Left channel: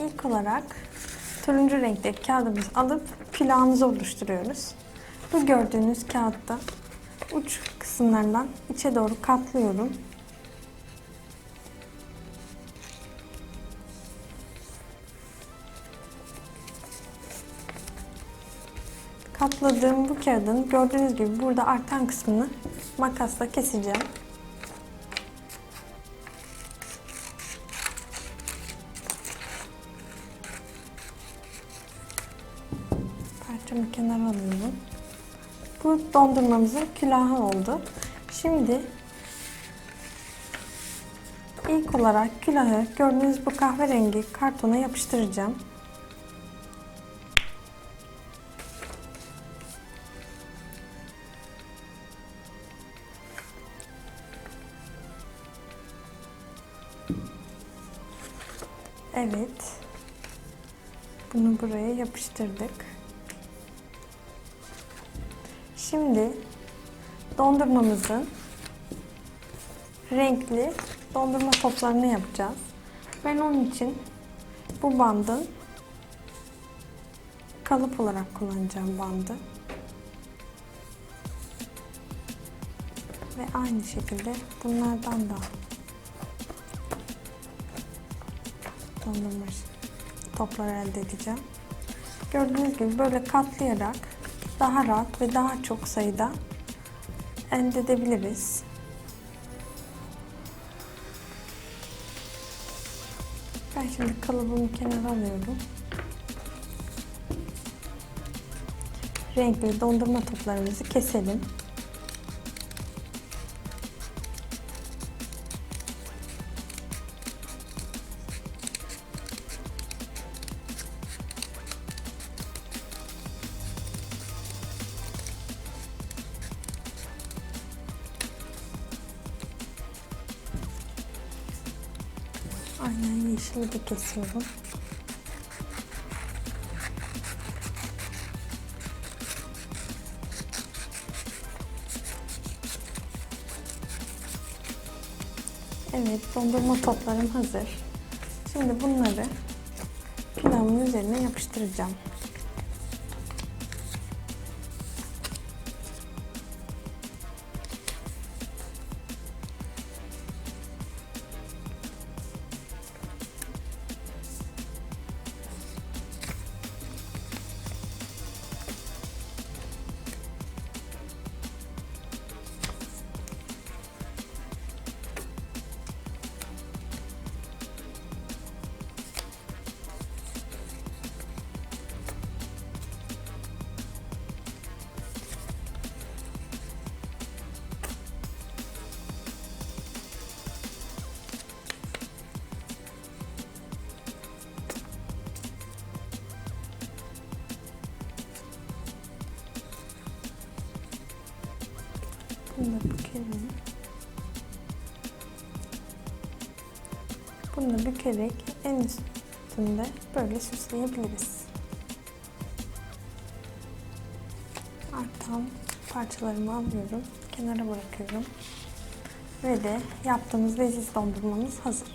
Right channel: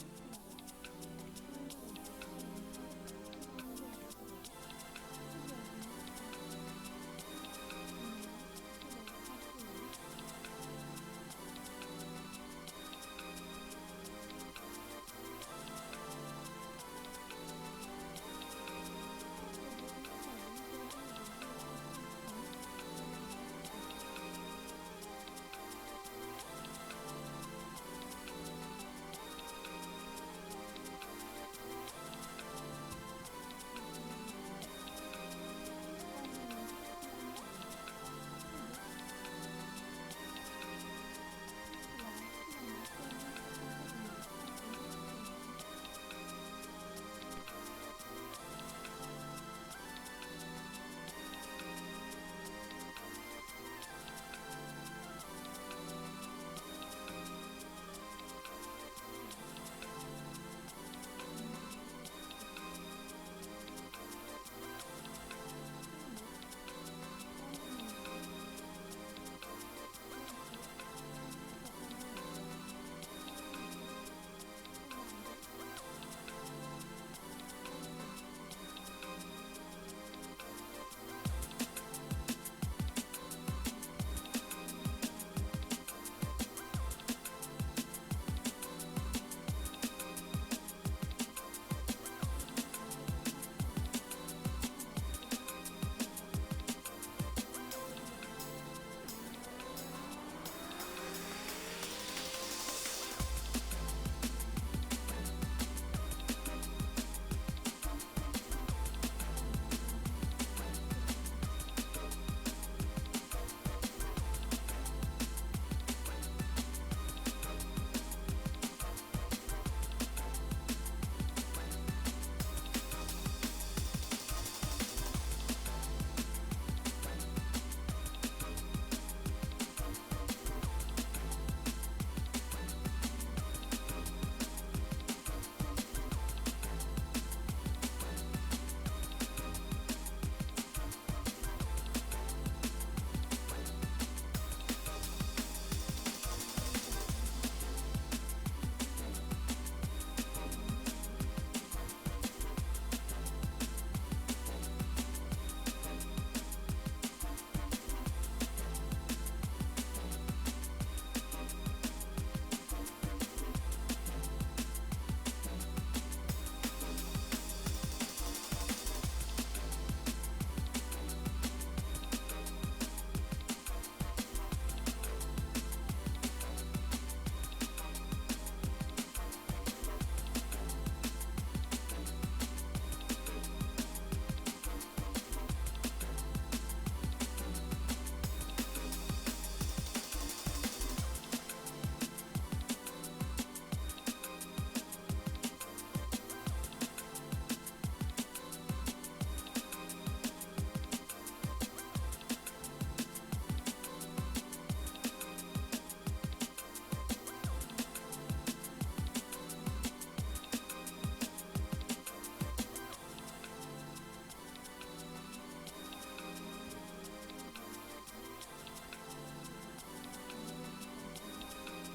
İlk olarak turuncu renkteki kağıdımızı alıp külahımızı oluşturuyoruz. Bu gördüğünüz kağıtta uç kısımlarından içe doğru katlıyorum. Katladığım bu kağıdın gördüğünüz gibi burada artan kısmını makasla keseceğim. Parçamı kenara alıyorum. Bu dondurmamızın külahı oldu. Şimdi ilk olarak külahı gördüğünüz bu kahverengi kartona yapıştıracağım. Evet. Bunu buraya yapıştırdık. Şimdi dondurmamızın renkli dondurma toplarını yapacağız. Ben onun için bu bandın kalıp olarak kullanacağım bandı. Ve aynı şekilde bunlardan da dondurma toplar elde edeceğim. Gördüğünüz gibi böyle katlayarak daha rahat ve daha çok sayıda elde edebiliriz. Ben şimdi kalıbımı kenara alıyorum. Renkli dondurma toplarımızı keselim. De kesiyorum. Evet, dondurma toplarım hazır. Şimdi bunları pilavın üzerine yapıştıracağım. Bükelim. Bunu bükerek en üstünde böyle süsleyebiliriz. Artan parçalarımı alıyorum. Kenara bırakıyorum. Ve de yaptığımız leziz dondurmamız hazır.